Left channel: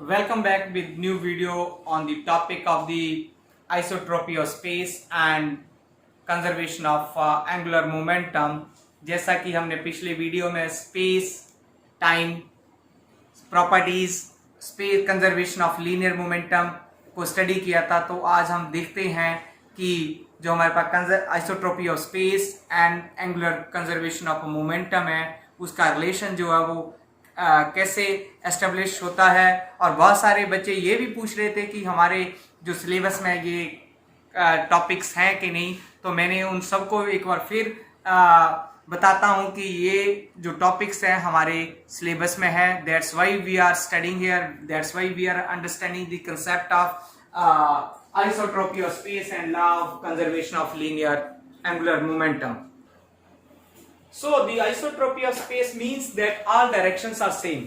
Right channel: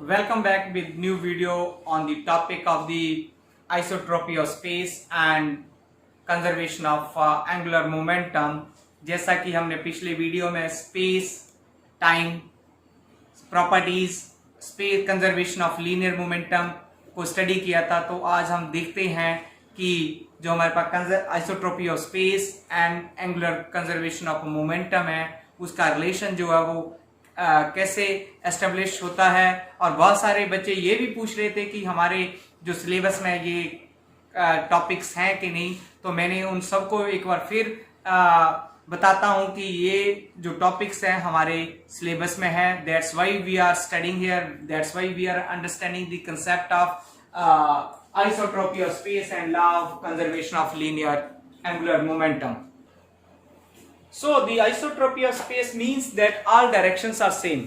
Welcome back with new video on the topic of the isotropy of space and conservation of angular momentum. जैसा कि हमने पिछले video में space time properties space conservation of linear momentum को study किया था, तो आज हम देखते हैं कि जो हमारे पास isotropy of space and angular conservation of momentum है उसका रिलेशन जो है वो कैसे एस्टेब्लिश होता है। और बहुत सारे बच्चे ये भी पूछ रहे थे कि हमारे जो सिलेबस में ये टॉपिक्स हैं कि नहीं, तो मैंने उन सबको एक बार फिर बताता हूं कि ये जो टॉपिक्स हैं हमारे सिलेबस में है। That's why we are studying here, that's why we are understanding the concept of isotropy of space and law of conservation of linear angular momentum. So the isotropy of space means that all directions are same.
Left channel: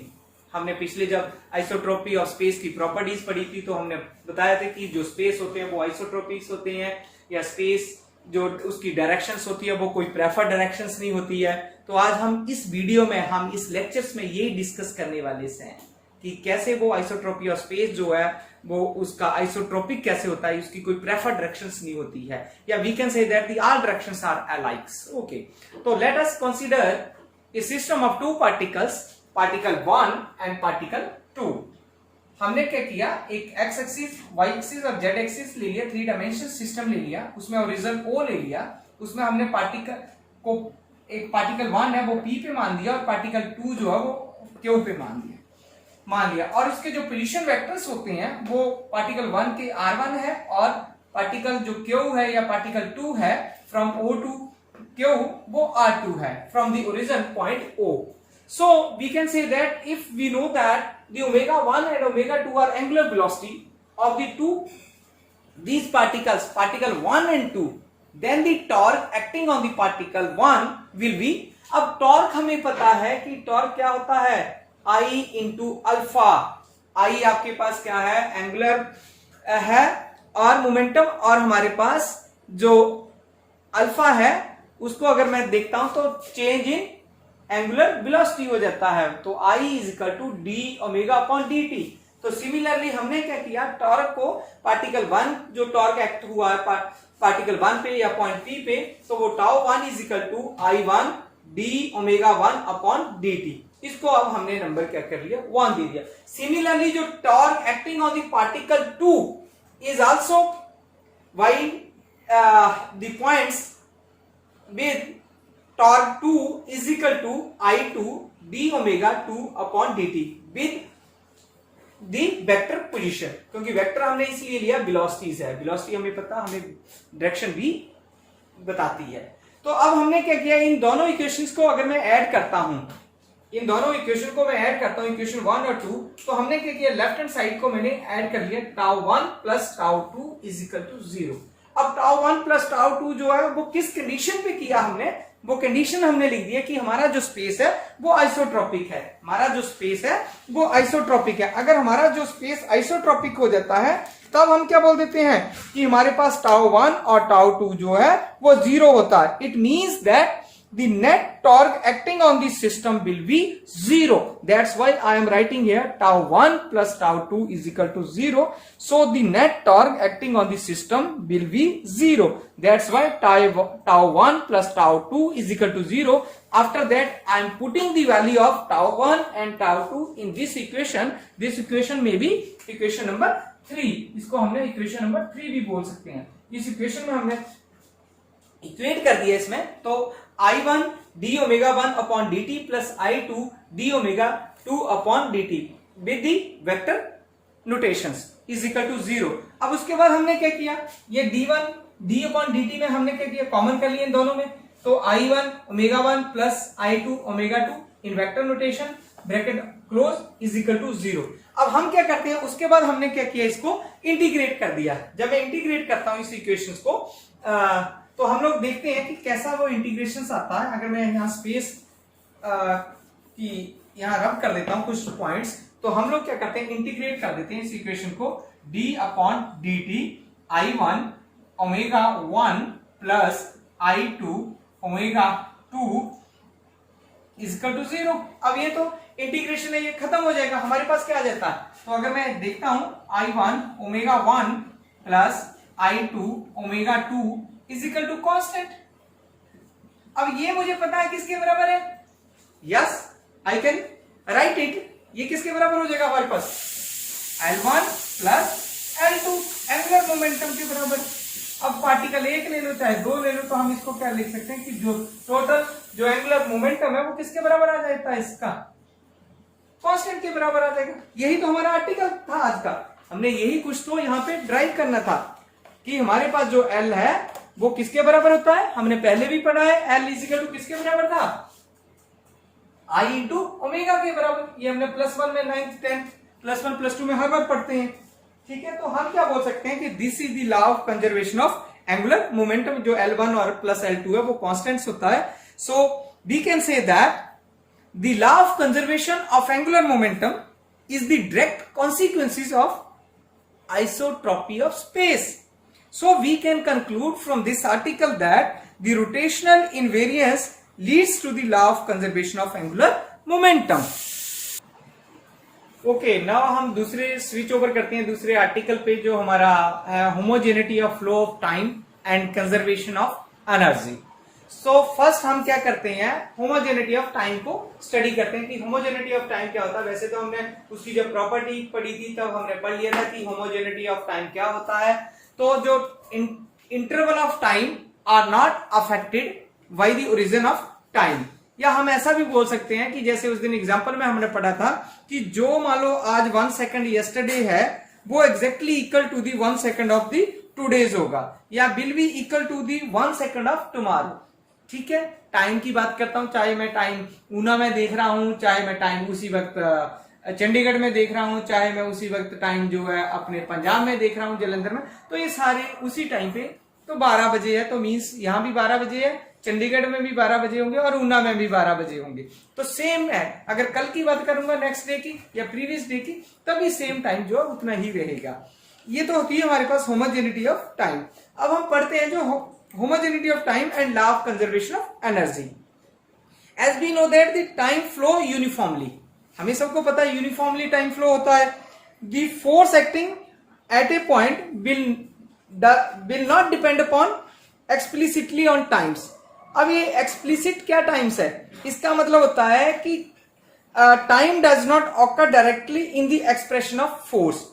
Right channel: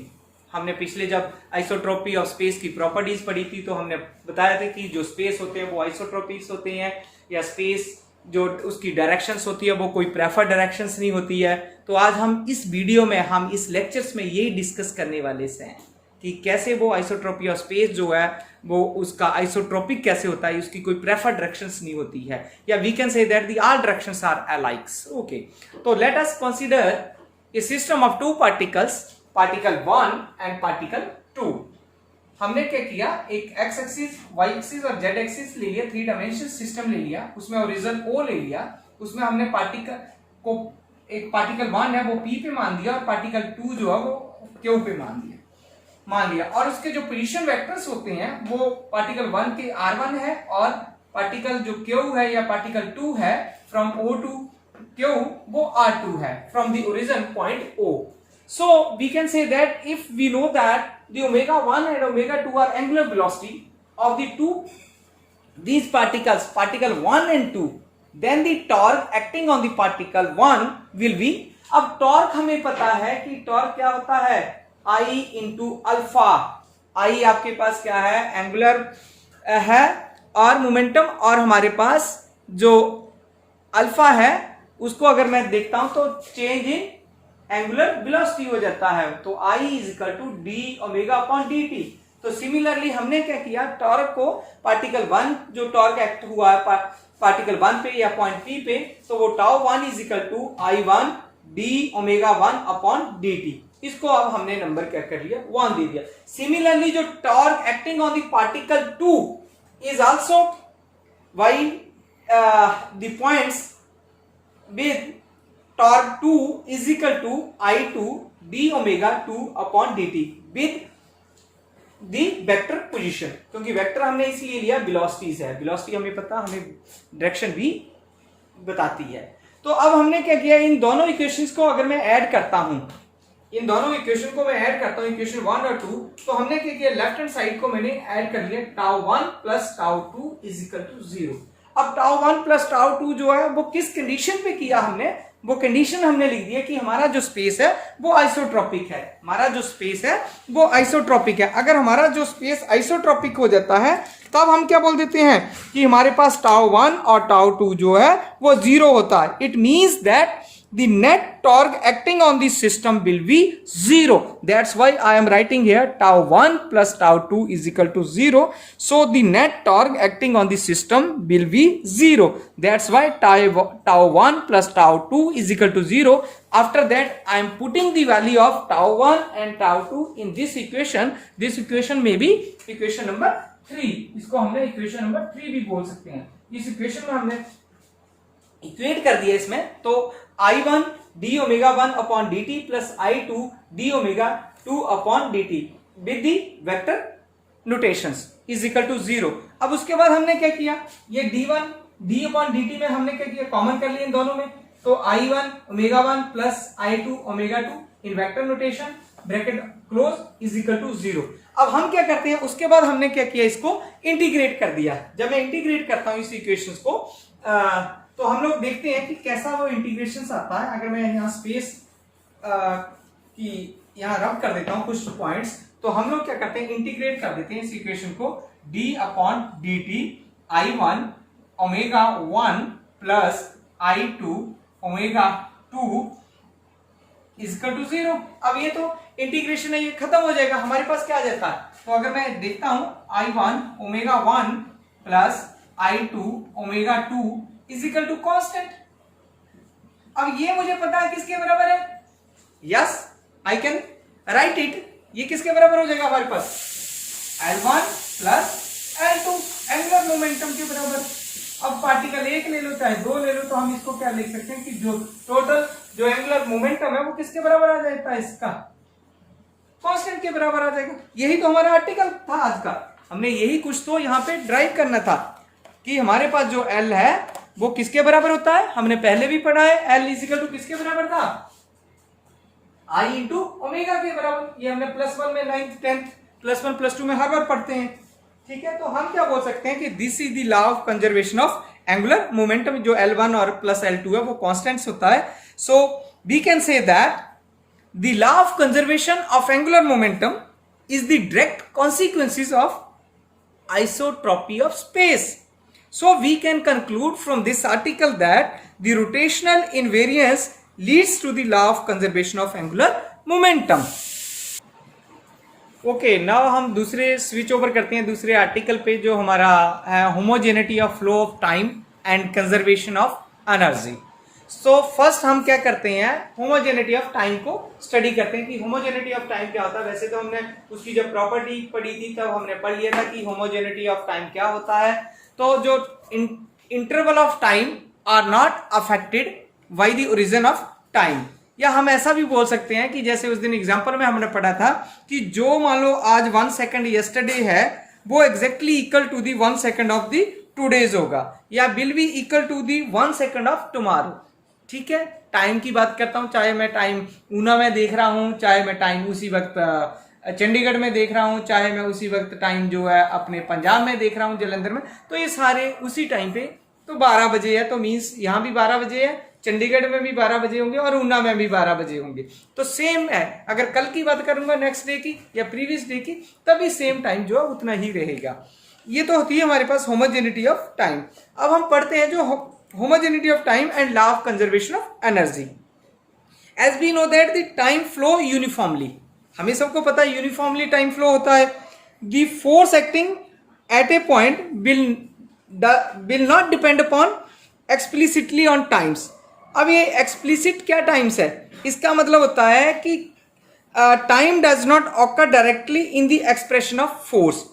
हमने पिछले जब isotropy of space की properties पढ़ी थी तो हमने बताया था कि जो स्पेस होते हैं वो आइसोट्रोपिक्स होते हैं, या स्पेस जो उसकी डायरेक्शंस होती है वो कोई प्रेफर्ड डायरेक्शंस नहीं होती है. तो आज हम इस वीडियो में हम इस लेक्चर्स में ये डिस्कस करने वाले हैं कि कैसे वो आइसोट्रोपी ऑफ स्पेस जो है वो उसका आइसोट्रोपिक कैसे होता है, उसकी कोई प्रेफर्ड डायरेक्शंस नहीं होती है, या we can say that the all directions are alikes. Okay, तो let us consider a system of two particles, particle 1 and particle 2. हमने क्या किया, एक एक्स एक्सिस, वाई एक्सिस और जेड एक्सिस ले लिया, 3 डायमेंशन सिस्टम ले लिया, उसमें ओरिजिन ओ ले लिया, उसमें हमने पार्टिकल को एक पार्टिकल 1 है वो पी पे मान दिया और पार्टिकल 2 जो है वो क्यू पे मान लिया, और उसके जो पोजीशन वेक्टर्स होते हैं वो पार्टिकल 1 के r1 है और पार्टिकल जो q है या पार्टिकल 2 है फ्रॉम o टू q वो r2 है from the origin point o. So we can say that if we know that the omega 1 and omega 2 are angular velocity of the two these particles, particle 1 and 2, then the torque acting on the particle 1 will be. अब torque हमें पता है कि torque क्या होता है, I into alpha. I आपके पास क्या है, एंगुलर है, और मोमेंटम, और हमारे पास जो अल्फा है उसको अगर मैं देखता हूं तो चेंज इन एंगुलर वेलोसिटी हो जाता है. तो I is equal to D omega upon D T. तो सिमिलरली हमने क्या किया, टॉर्क को पार्टिकल 1 जो टॉर्क एक्ट हुआ है पार्टिकल 1 पे या पॉइंट P पे, तो वो tau 1 is equal to I1 D omega 1 upon D T. इसको अब हमने नंबर क्या कर लिया, 1 दे दिया. सिमिलरली जो torque acting on the particle 2 is also why the points with torque 2 is equal to I2 D omega 2 upon dt with the vector position, क्योंकि vector हमने इसलिए लिया वेलोसिटीज है, वेलोसिटी हमें पता, हमें डायरेक्शन भी बताती है. तो अब हमने क्या किया, इन दोनों इक्वेशंस को अगर मैं ऐड करता हूं, इन दोनों इक्वेशन को मैं ऐड करता हूं, इक्वेशन 1 और 2, तो हमने क्या किया, लेफ्ट हैंड साइड को मैंने ऐड कर लिया, tau 1 plus tau 2 is equal to 0. अब टाउ 1 प्लस टाउ 2 जो है वो किस कंडीशन पे किया हमने, वो कंडीशन हमने लिख दिया कि हमारा जो स्पेस है वो आइसोट्रोपिक है, हमारा जो स्पेस है वो आइसोट्रोपिक है. अगर हमारा जो स्पेस आइसोट्रोपिक हो जाता है तब हम क्या बोल देते हैं कि हमारे पास टाउ 1 और टाउ 2 जो है वो 0 होता है. It means that the net torque acting on the system will be 0. That's why I am writing here tau 1 plus tau 2 is equal to 0. So the net torque acting on the system will be 0. That's why tau 1 plus tau 2 is equal to 0. After that I am putting the value of tau 1 and tau 2 in this equation. This equation may be equation number 3. इसको हमने equation number 3 भी बोल सकते हैं. इस equation में हमने equate कर दिया इसमें, तो I1 D omega 1 upon D T plus I2 D omega 2 upon D T with the vector notations is equal to 0. अब उसके बाद हमने क्या किया, ये D1 D upon D T में हमने क्या किया, कॉमन कर लिया इन दोनों में, तो I1 omega 1 plus I2 omega 2 in vector notation bracket close is equal to 0. अब हम क्या करते हैं, उसके बाद हमने क्या किया, इसको इंटीग्रेट कर दिया. जब मैं इंटीग्रेट करता हूं इस इक्वेशंस को तो हम लोग देखते हैं कि कैसा वो इंटीग्रेशन आता है. अगर मैं यहाँ स्पेस की यहाँ रब कर देता हूँ कुछ पॉइंट्स, तो हम लोग क्या करते हैं, इंटीग्रेट कर देते हैं इस इक्वेशन को, d upon D T I1 omega 1 plus I2 omega 2 is equal to 0। अब ये तो इंटीग्रेशन है, ये खत्म हो जाएगा, हमारे पास क्या आ जाता है। तो अगर मैं देखता हूं I1 omega 1 plus I2 omega 2 is equal to constant. अब ये मुझे पता है किसके बराबर है, yes I can write it. ये किसके बराबर हो जाएगा हमारे पास, L1 plus L2 angular momentum के बराबर। अब पार्टिकल एक ले लो चाहे दो ले लो, तो हम इसको क्या लिख सकते हैं कि जो टोटल जो एंगुलर मोमेंटम है वो किसके बराबर आ जाता है, इसका कांस्टेंट के बराबर आ जाएगा। यही तो हमारा आर्टिकल था आज का, हमने यही कुछ तो यहाँ पे ड्राइव करना था कि हमारे पास जो L है वो किसके बराबर होता है। हमने पहले भी पढ़ा है L इज इक्वल टू किसके बराबर था, I इंटू ओमेगा के बराबर। ये हमने +1 में 9th 10th +1 +2 में हर बार पढ़ते हैं, ठीक है। तो हम क्या बोल सकते हैं कि this is the law of conservation of angular momentum. जो L1 और प्लस L2 है वो कांस्टेंट्स होता है। So we can say that the law of conservation of angular momentum is the direct consequences of isotropy of space. So we can conclude from this article that the rotational invariance leads to the law of conservation of angular momentum. Okay, now हम दूसरे switch over करते हैं दूसरे article पे, जो हमारा homogeneity of flow of time and conservation of energy. So first हम क्या करते हैं, होमोजेनिटी ऑफ टाइम को स्टडी करते हैं कि होमोजेनिटी ऑफ टाइम क्या होता है। वैसे तो हमने उसकी जब प्रॉपर्टी पढ़ी थी तब हमने पढ़ लिया था कि होमोजेनिटी ऑफ टाइम क्या होता है। तो जो interval of time are not affected by the origin of time, या हम ऐसा भी बोल सकते हैं कि जैसे उस दिन एग्जांपल में हमने पढ़ा था कि जो मान लो आज 1 सेकंड यस्टरडे है वो exactly equal to the 1 second of the today's होगा, या will be equal to the 1 second of tomorrow. ठीक है, टाइम की बात करता हूं, चाहे मैं टाइम ऊना में देख रहा हूं, चाहे मैं टाइम उसी वक्त चंडीगढ़ में देख रहा हूं, चाहे मैं उसी वक्त टाइम जो है अपने पंजाब में देख रहा हूं जलंधर में, तो ये सारे उसी टाइम पे। तो 12 बजे है तो मीन्स यहाँ भी 12 बजे है, चंडीगढ़ में भी 12 बजे होंगे और ऊना में भी 12 बजे होंगे। तो सेम है, अगर कल की बात करूंगा नेक्स्ट डे की या प्रीवियस डे की, तभी सेम टाइम जो है उतना ही रहेगा। ये तो होती है हमारे पास होमोजेनिटी ऑफ टाइम। अब हम पढ़ते हैं जो homogeneity of time and law of conservation of energy. As we know that the time flow uniformly, हमें सबको पता है यूनिफॉर्मली टाइम फ्लो होता है। The force acting at a point will not depend upon explicitly on times. अब ये explicit क्या times है, इसका मतलब होता है कि time does not occur directly in the expression of force.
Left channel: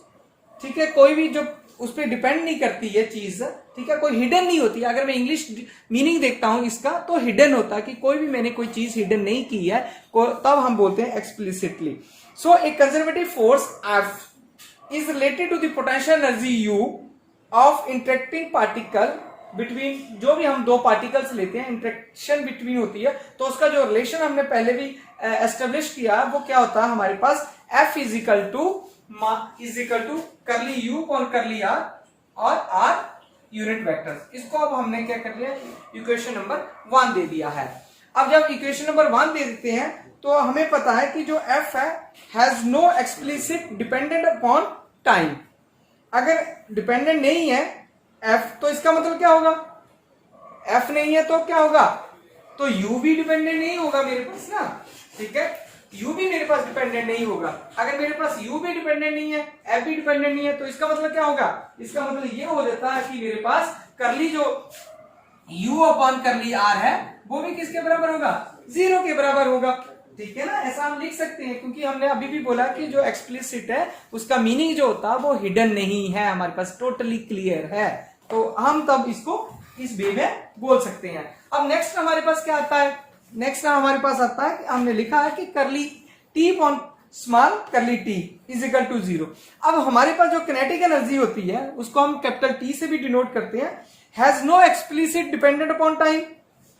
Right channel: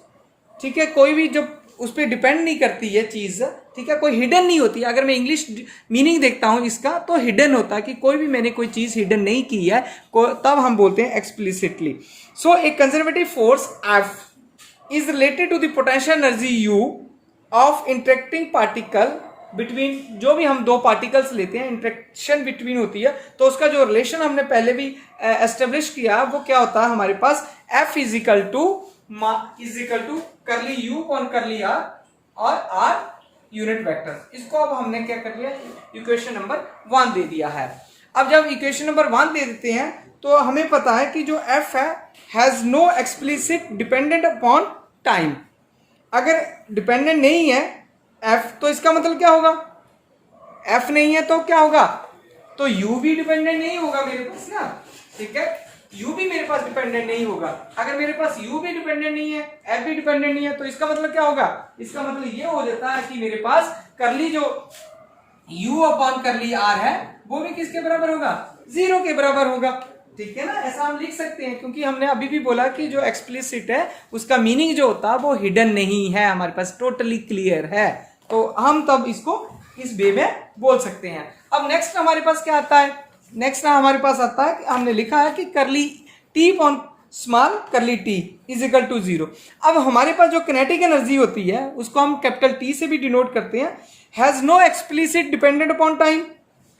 ठीक है, कोई भी जो उस पर डिपेंड नहीं करती है चीज, ठीक है, कोई हिडन नहीं होती। अगर मैं इंग्लिश मीनिंग देखता हूं इसका तो हिडन होता है कि कोई भी मैंने कोई चीज हिडन नहीं की है, तब हम बोलते हैं explicitly. So a conservative force F is related to the potential energy U of interacting particle between, जो भी हम दो पार्टिकल्स लेते हैं इंटरेक्शन बिटवीन होती है, तो उसका जो रिलेशन हमने पहले भी एस्टेब्लिश किया वो क्या होता है हमारे पास, F इज इक्वल टू करली U और करली R और R यूनिट वेक्टर। इसको अब हमने क्या कर लिया, इक्वेशन नंबर 1 दे दिया है। अब जब इक्वेशन नंबर 1 दे देते हैं तो हमें पता है कि जो F है has no explicit dependent upon time. अगर डिपेंडेंट नहीं है F तो इसका मतलब क्या होगा, F नहीं है तो क्या होगा, तो U भी डिपेंडेंट नहीं होगा मेरे पास ना। ठीक है, U भी मेरे पास डिपेंडेंट नहीं होगा। अगर मेरे पास U भी डिपेंडेंट नहीं है, F भी डिपेंडेंट नहीं है, तो इसका मतलब क्या होगा, इसका मतलब ये हो जाता है कि मेरे पास करली जो U अपॉन करली R है वो भी किसके बराबर होगा, 0 के बराबर होगा। ठीक है ना, ऐसा हम लिख सकते हैं क्योंकि हमने अभी भी बोला कि जो एक्सप्लिसिट है उसका मीनिंग जो होता है वो हिडन नहीं है, हमारे पास टोटली क्लियर है, तो हम तब इसको इस वे में बोल सकते हैं। अब नेक्स्ट हमारे पास क्या आता है, नेक्स्ट हमारे पास आता है कि हमने लिखा है कि करली टी अपॉन स्मॉल करली टी इज इक्वल टू 0। अब हमारे पास जो किनेटिक एनर्जी होती है उसको हम कैपिटल टी से भी डिनोट करते हैं, has no explicit dependent upon time.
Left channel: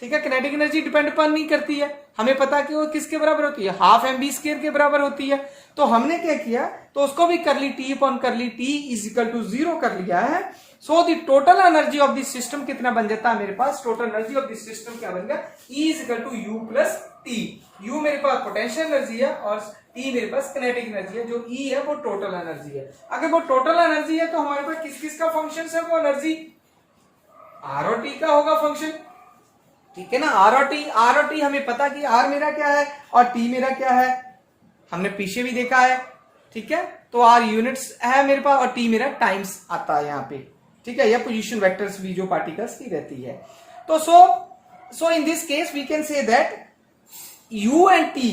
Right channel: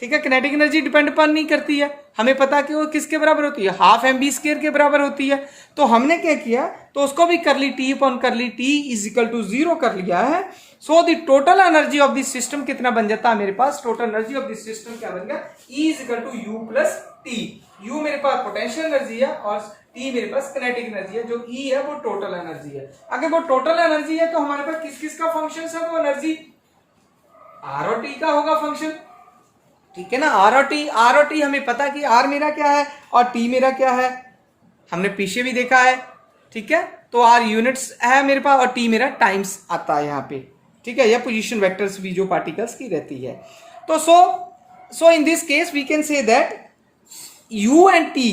ठीक है, किनेटिक एनर्जी डिपेंड अपॉन नहीं करती है, हमें पता कि वो किसके बराबर होती है, हाफ mv² के बराबर होती है। तो हमने क्या किया, तो उसको भी curly T upon curly T is equal to 0 कर लिया है। So the total energy of the system कितना बन जाता है मेरे पास, total energy of the system क्या बन गया, E is equal to U plus T. U मेरे पास पोटेंशियल एनर्जी है और T मेरे पास किनेटिक एनर्जी है, जो E है वो टोटल एनर्जी है। अगर वो टोटल एनर्जी है तो हमारे पास किस किस का फंक्शन है, वो एनर्जी R और T का होगा फंक्शन। ठीक है ना। आर और टी हमें पता कि आर मेरा क्या है और टी मेरा क्या है, हमने पीछे भी देखा है, ठीक है। तो आर यूनिट्स है मेरे पास और टी मेरा टाइम्स आता है यहाँ पे, ठीक है। यह पोजीशन वेक्टर्स भी जो पार्टिकल्स की रहती है। तो so in this case we can say that U and T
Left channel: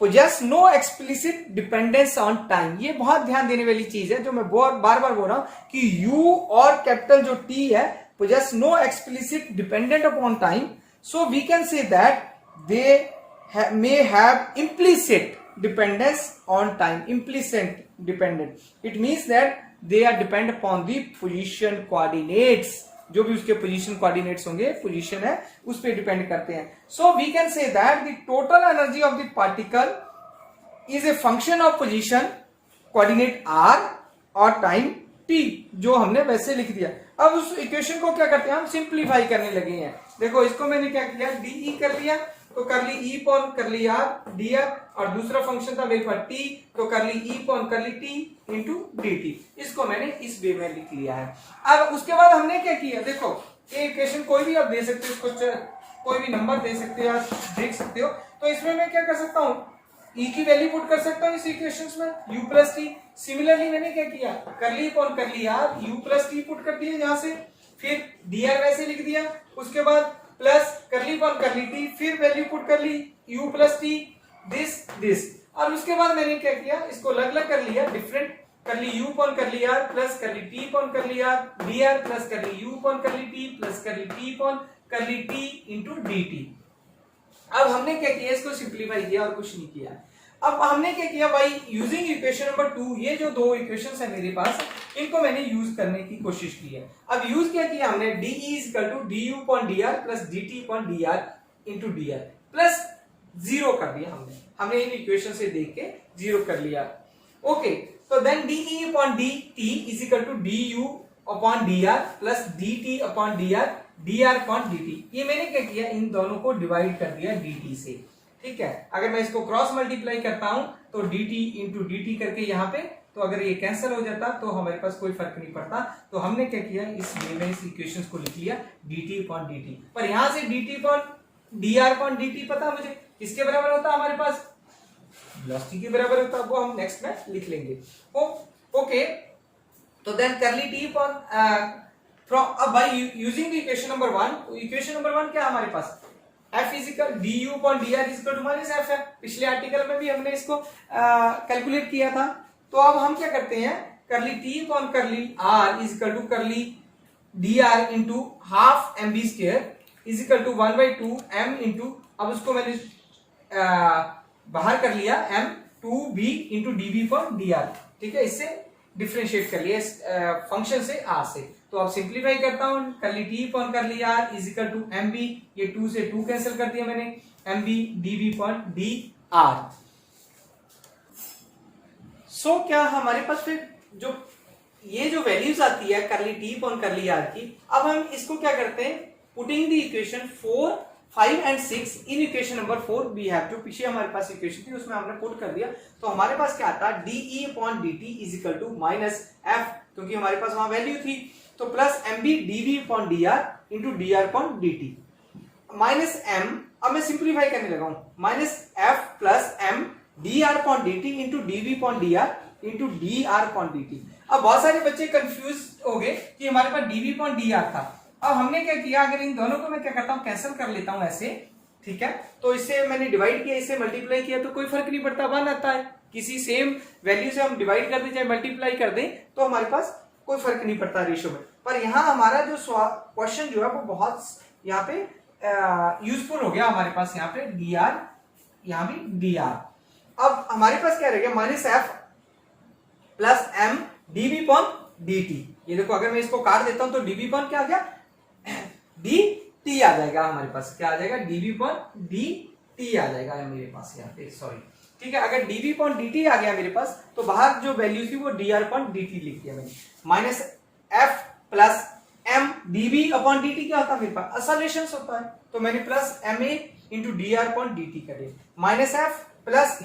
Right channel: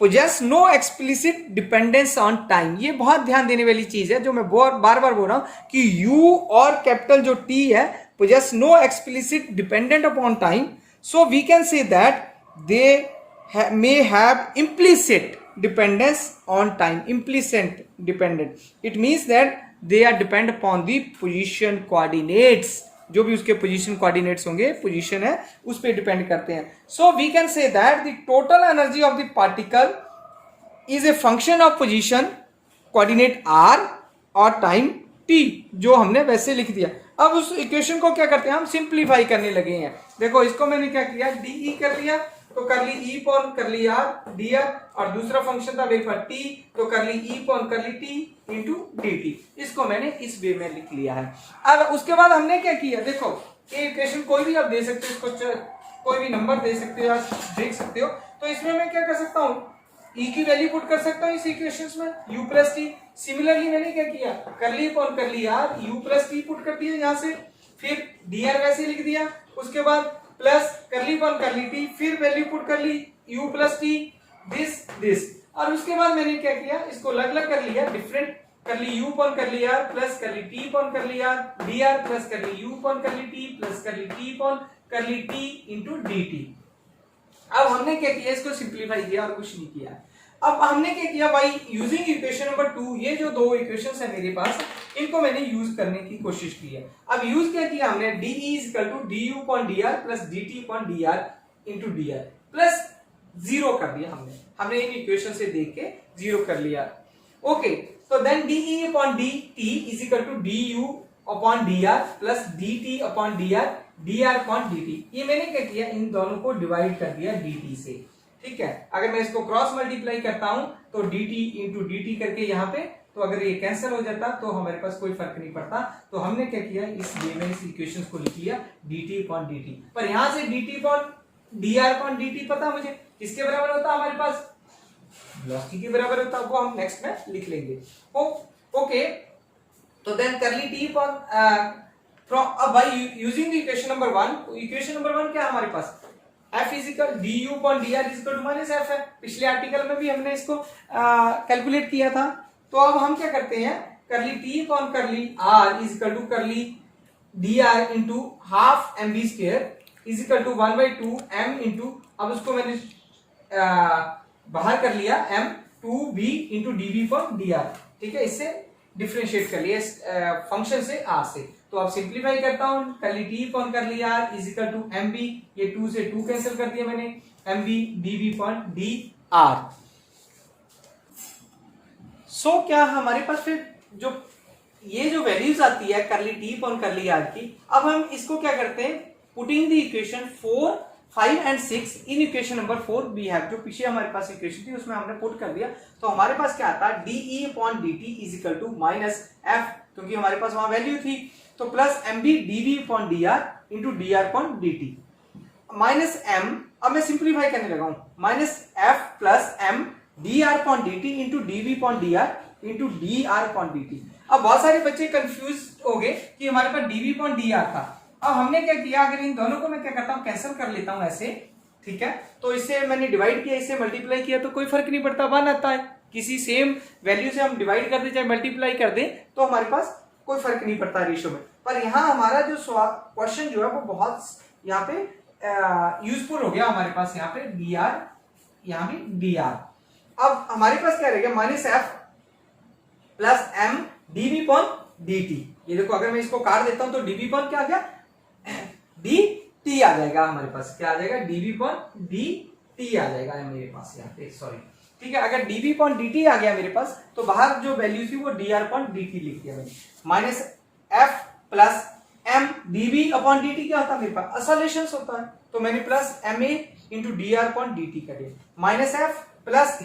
poses no explicit dependence on time. ये बहुत ध्यान देने वाली चीज है जो मैं बार बार बोल रहा हूं कि यू और कैपिटल जो टी है possess no explicit dependent upon time, so we can say that they may have implicit dependence on time. Implicit dependent, it means that they are depend upon the position coordinates, जो भी उसके position coordinates होंगे, position है उस पर depend करते हैं। so we can say that the total energy of the particle is a function of position coordinate r और time t, जो हमने वैसे लिख दिया। अब उस इक्वेशन को क्या करते हैं, हम सिंप्लीफाई करने लगे हैं। देखो इसको मैंने क्या किया, डी कर दिया तो कर ली ई पॉन कर ली आर डी आर, और दूसरा फंक्शन था मेरे पास टी, तो कर ली ई पॉन कर ली टी इंटू डी टी। इसको मैंने इस वे में लिख लिया है। अब उसके बाद हमने क्या किया, देखो ये इक्वेशन कोई भी आप दे सकते हो, इसको कोई भी नंबर दे सकते हो या देख सकते हो। तो इसमें मैं क्या कर सकता हूँ, ई की वैल्यू पुट कर सकता हूँ इस इक्वेशंस में, u प्लस टी। सिमिलरली मैंने क्या किया, कर ली कौन कर ली यार, u प्लस टी पुट कर दिया यहाँ से, फिर dr वैसे लिख दिया, उसके बाद प्लस कर ली कौन कर ली टी, फिर वैल्यू पुट कर ली u प्लस टी दिस, और उसके बाद मैंने क्या किया, इसको अलग अलग कर लिया, डिफरेंट कर ली u पॉन कर ली r प्लस कर ली t पॉन कर ली r dr प्लस कर ली u पॉन कर ली t प्लस कर ली t पॉन कर ली t इंटू dt। अब हमने क्या किया, इसको सिंप्लीफाई किया और कुछ नहीं किया। अब हमने क्या किया भाई, यूजिंग इक्वेशन नंबर 2, ये जो दो इक्वेशंस है मेरे पास, इनको मैंने यूज करने की कोशिश की है। अब यूज क्या किया हमने, D is equal to D U upon D R plus D T upon D R into D R plus zero कर दिया हमने इन इक्वेशन से देख के जीरो कर लिया। ओके, तो then D E upon D T is equal to D U upon D R plus D T upon D R upon D T. ये मैंने क्या किया, इन दोनों को डिवाइड कर दिया डी टी से, ठीक है। अगर मैं इसको क्रॉस मल्टीप्लाई करता हूं तो D T into D T करके यहाँ पे, तो अगर ये कैंसिल हो जाता तो हमारे पास कोई फर्क नहीं पड़ता। तो हमने क्या किया, इस वे में इस इक्वेशन को लिख लिया D T upon D T, पर यहां से D T upon D R upon D T पता मुझे किसके बराबर होता है, हमारे पास वेलोसिटी के बराबर होता है, वो हम नेक्स्ट में लिख लेंगे। ओके, तो देन कर ली टी अपॉन फ्रॉम, अब भाई using equation number 1, equation number 1 क्या है हमारे पास, F is equal D U upon D R is equal to minus F है। पिछले आर्टिकल में भी हमने इसको कैलकुलेट किया था। तो अब हम क्या करते हैं, कर ली टी अपॉन कर ली आर इज इक्वल टू कर ली D R into half M B square is equal to 1/2 m into, अब उसको मैंने बाहर कर लिया m 2b into D B upon D R, ठीक है। इससे डिफरेंशिएट कर लिया इस फंक्शन से r से। तो अब सिंप्लीफाई करता हूं, कर ली टी अपॉन कर ली r is equal to M B, ये 2 से 2 कैंसिल कर दिया मैंने, M B D B upon D R. So क्या हमारे पास फिर जो ये जो वैल्यूज आती है कर ली टी अपॉन कर ली आर की, अब हम इसको क्या करते हैं, putting the equation 4, 5 and 6 in equation number 4 we have, जो पीछे हमारे पास इक्वेशन थी उसमें हमने पुट कर दिया। तो हमारे पास क्या आता है, D E upon D T is equal to minus F, क्योंकि हमारे पास वहां वैल्यू थी, तो plus M B D V upon D R into D R upon D T minus M, अब मैं सिंप्लीफाई करने लगा हूं, minus F plus M D R upon D T into D V upon D R into D R upon D T. अब बहुत सारे बच्चे confuse हो गए कि हमारे पास D V upon D R था। अब हमने क्या किया, अगर इन दोनों को मैं क्या करता हूं, कैंसिल कर लेता हूं ऐसे, ठीक है। तो इससे मैंने डिवाइड किया, इससे मल्टीप्लाई किया, तो कोई फर्क नहीं पड़ता, 1 आता है। किसी सेम वैल्यू से हम डिवाइड कर दें चाहे मल्टीप्लाई कर दें तो हमारे पास कोई फर्क नहीं पड़ता रेशियो में। पर यहाँ हमारा जो क्वेश्चन जो है वो बहुत यहाँ पे यूजफुल हो गया हमारे पास, यहाँ पे डी आर, यहाँ भी डी आर। अब हमारे पास क्या रहेगा, minus F plus M D B upon D T. ये देखो अगर मैं इसको काट देता हूं तो डी बी पॉन क्या आ गया, डी टी आ जाएगा हमारे पास, क्या आ जाएगा, D B upon D T आ जाएगा मेरे पास यहाँ पे, सॉरी, ठीक है। अगर D B upon D T आ गया मेरे पास, तो बाहर जो वैल्यू थी वो D R upon D T लिख दिया मैंने। Minus F plus M D B upon D T क्या होता है मेरे पास, असोलेशन होता है, तो मैंने plus M A into D R upon D T कर दिया। माइनस एफ प्लस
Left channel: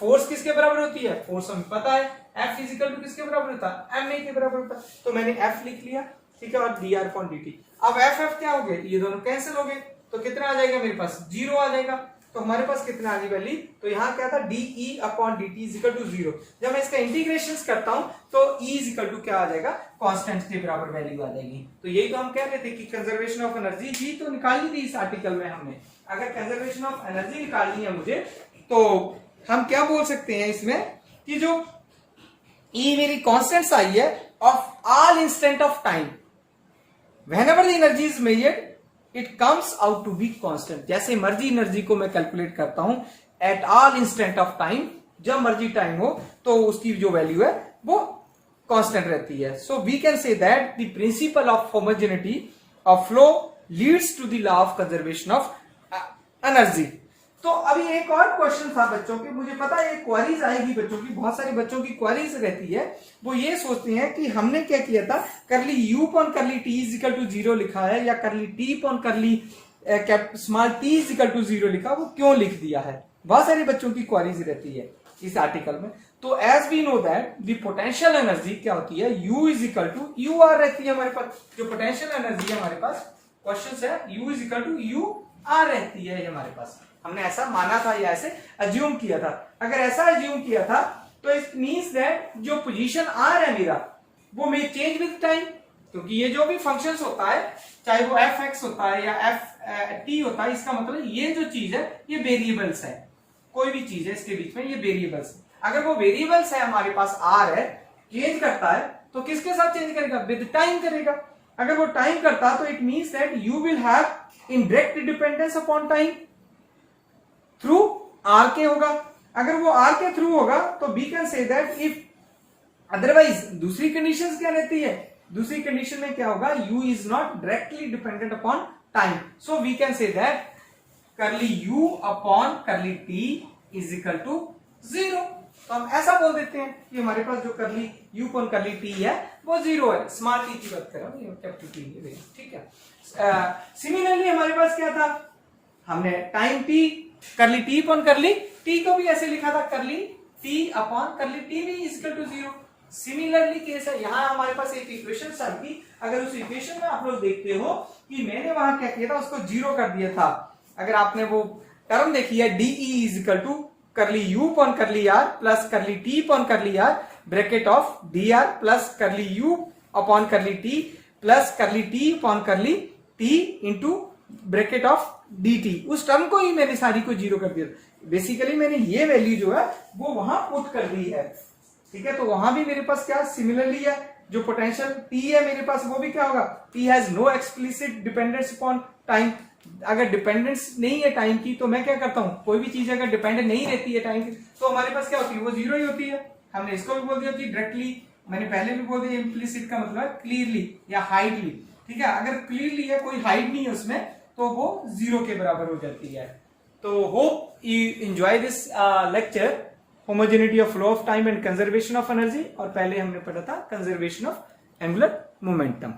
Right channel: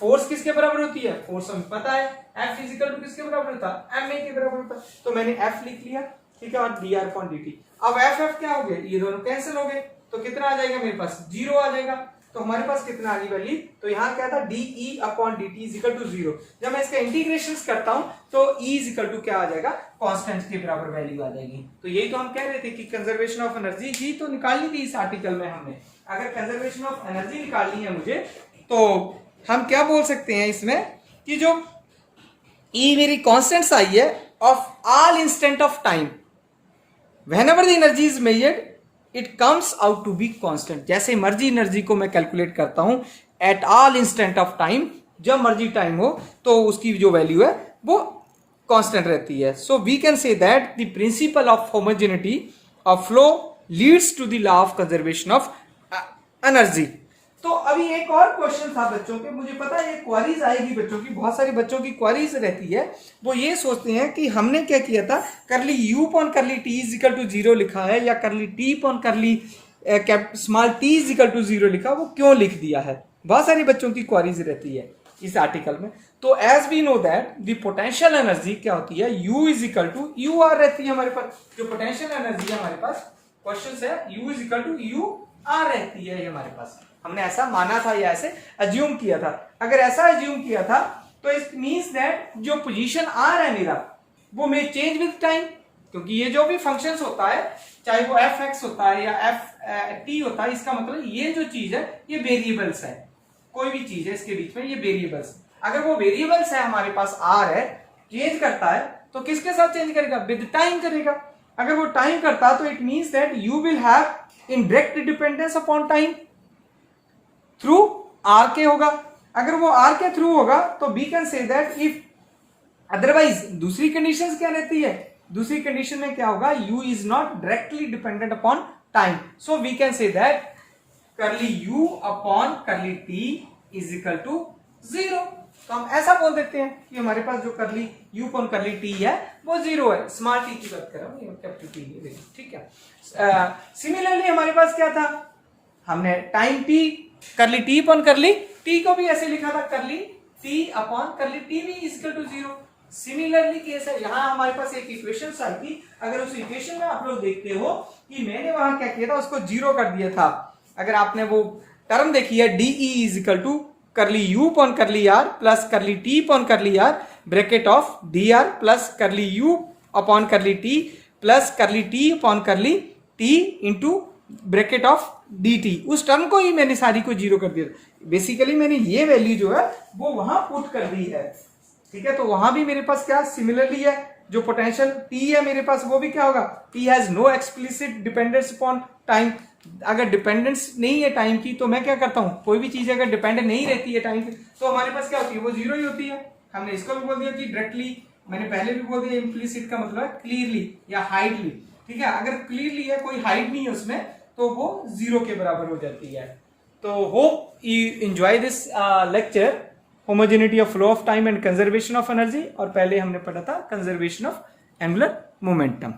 फोर्स किसके बराबर होती है, फोर्स हमें पता है, एफ इजिकल टू किसके बराबर होता है, एम ए के बराबर होता है, तो मैंने एफ लिख लिया, ठीक है, और D R upon D T. अब एफ एफ क्या हो गए, ये दोनों कैंसिल हो गए, तो कितना आ जाएगा मेरे पास, 0 आ जाएगा। तो हमारे पास कितना आ गई वैल्यू, तो यहाँ क्या था, dE upon dt is equal to 0। जब मैं इसका इंटीग्रेशन करता हूं तो E इज इक्वल टू क्या आ जाएगा, कांस्टेंट के बराबर वैल्यू आ जाएगी। तो यही तो हम कह रहे थे कि कंजर्वेशन ऑफ एनर्जी ही तो निकालनी थी इस आर्टिकल में हमने। अगर कंजर्वेशन ऑफ एनर्जी निकालनी है मुझे, तो हम क्या बोल सकते हैं इसमें कि जो E मेरी कांस्टेंट्स आई है of all instant of time, whenever the energy is measured it comes out to be constant। जैसे मर्जी एनर्जी को मैं कैलकुलेट करता हूं at all instant of time, जब मर्जी टाइम हो तो उसकी जो वैल्यू है वो कांस्टेंट रहती है। So we can say that the principle of homogeneity of flow leads to the law of conservation of energy. तो अभी एक और क्वेश्चन था बच्चों के, मुझे पता है ये क्वेरीज आएगी बच्चों की, बहुत सारे बच्चों की क्वेरीज रहती है। वो ये सोचते हैं कि हमने क्या किया था, curly u upon curly t is equal to 0 लिखा है या curly t upon curly small t is equal to 0 लिखा, वो क्यों लिख दिया है। बहुत सारे बच्चों की क्वेरीज रहती है इस आर्टिकल में। तो as we know that the potential energy क्या होती है, u is equal to U R रहती है हमारे पास। जो पोटेंशियल एनर्जी है हमारे पास, क्वेश्चन है u is equal to U R रहती है हमारे पास। हमने ऐसा माना था या ऐसे अज्यूम किया था। अगर ऐसा अज्यूम किया था तो इट मींस दैट जो पोजीशन आर है मेरा वो मे चेंज विद टाइम, क्योंकि ये जो भी फंक्शंस होता है चाहे वो एफ एक्स होता है या एफ टी होता है, इसका मतलब ये जो चीज है ये वेरिएबल्स है। कोई भी चीज है इसके बीच में ये वेरिएबल्स, अगर वो वेरिएबल्स है हमारे पास आर है, चेंज करता है तो किसके साथ चेंज करेगा, विद टाइम करेगा। अगर वो टाइम करता तो it means that you will have in direct dependence upon time through R के होगा। अगर वो आर के थ्रू होगा तो we can say that if, otherwise दूसरी कंडीशन क्या रहती है, दूसरी कंडीशन में क्या होगा, u is not directly dependent upon time. So we can say that curly u upon curly t is equal to 0। तो हम ऐसा बोल देते हैं कि हमारे पास जो करली u अपॉन करली t है वो 0 है। स्मॉल t की बात कर रहा हूं, कैपिटल t है, ठीक है। सिमिलरली हमारे पास क्या था, हमने टाइम t करली टी अपॉन करली टी को भी ऐसे लिखा था, करली टी अपॉन करली टी भी इक्वल टू 0। सिमिलरली केस है, यहां हमारे पास एक इक्वेशन आई थी। अगर उस इक्वेशन में आप लोग देखते हो कि मैंने वहां क्या किया था, उसको 0 कर दिया था। अगर आपने वो टर्म देखी है DE is equal to curly U upon curly R plus curly T upon curly R bracket of D R plus curly U upon curly T plus curly T upon curly T into bracket of dt, उस term को ही मैंने सारी को 0 कर दिया। Basically मैंने ये वैल्यू जो है वो वहां पुट कर दी है, ठीक है। तो वहां भी मेरे पास क्या सिमिलरली है, जो पोटेंशियल t है मेरे पास वो भी क्या होगा, t has no explicit dependence upon time. अगर डिपेंडेंस नहीं है टाइम की तो मैं क्या करता हूं, कोई भी चीज अगर डिपेंडेंट नहीं रहती है टाइम की तो हमारे पास क्या होती है, वो 0 ही होती है। हमने इसको भी बोल दिया कि डायरेक्टली, मैंने पहले भी बोल दिया इम्प्लिसिट का मतलब क्लियरली या हाइडली, ठीक है। अगर क्लियरली है, कोई हाइड नहीं है उसमें, तो वो 0 के बराबर हो जाती है। तो hope you enjoy this lecture, homogeneity of flow of time and conservation of energy. और पहले हमने पढ़ा था कंजर्वेशन ऑफ एंगुलर मोमेंटम।